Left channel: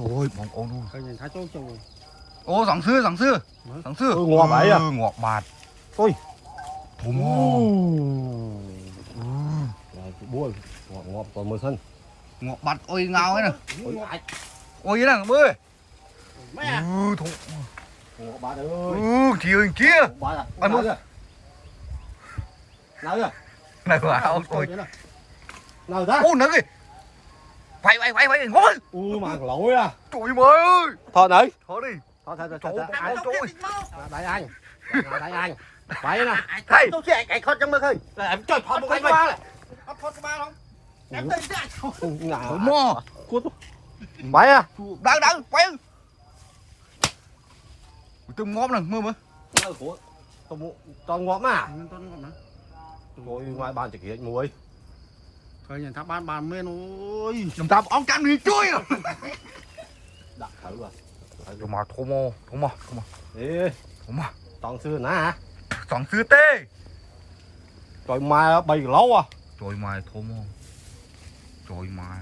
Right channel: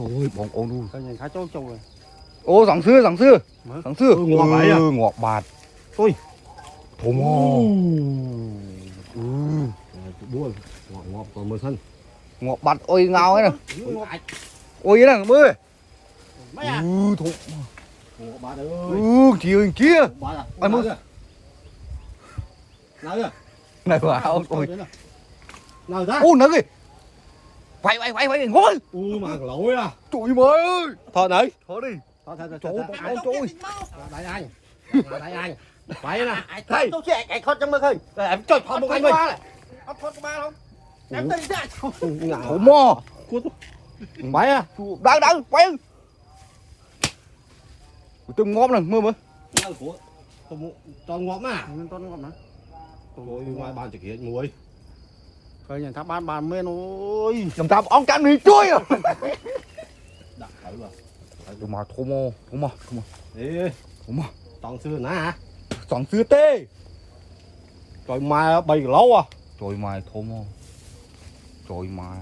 trời ơi bọn ôn coi nhìn thấy chỗ trông rồi. ô giảng sư ngọt vậy à? ngọt bạt Ôi thổ mò bua ngọt còn mưa thân ngọt bạt ôi ngao ấy nè ôi nè bơi thổ ngọt bạn ơi kia kia bạn à ăn nào chưa này vào ôi nào ra ô nữa kì phải ngồi mà lỗi à trời ơi ơi thôi đấy thôi đi thôi ai ai trôi đại anh phải nè hay anh khót trong mơ khơi em chơi thôi một anh mình khót ba không em đây thổ mò phải à đang quay từng ngóm nè mưa mưa toàn ngọt mà con ngọt nữa rồi ngoài bàn chỉ kiện muối coi nhìn tháp ban mê ôi làm tao ông cắn đi chui à đặt thử rồi mà thổ mò ê toàn xưa nè hả giảng sư tê rồi mai bày lâu à trời mày thổ mò trời mày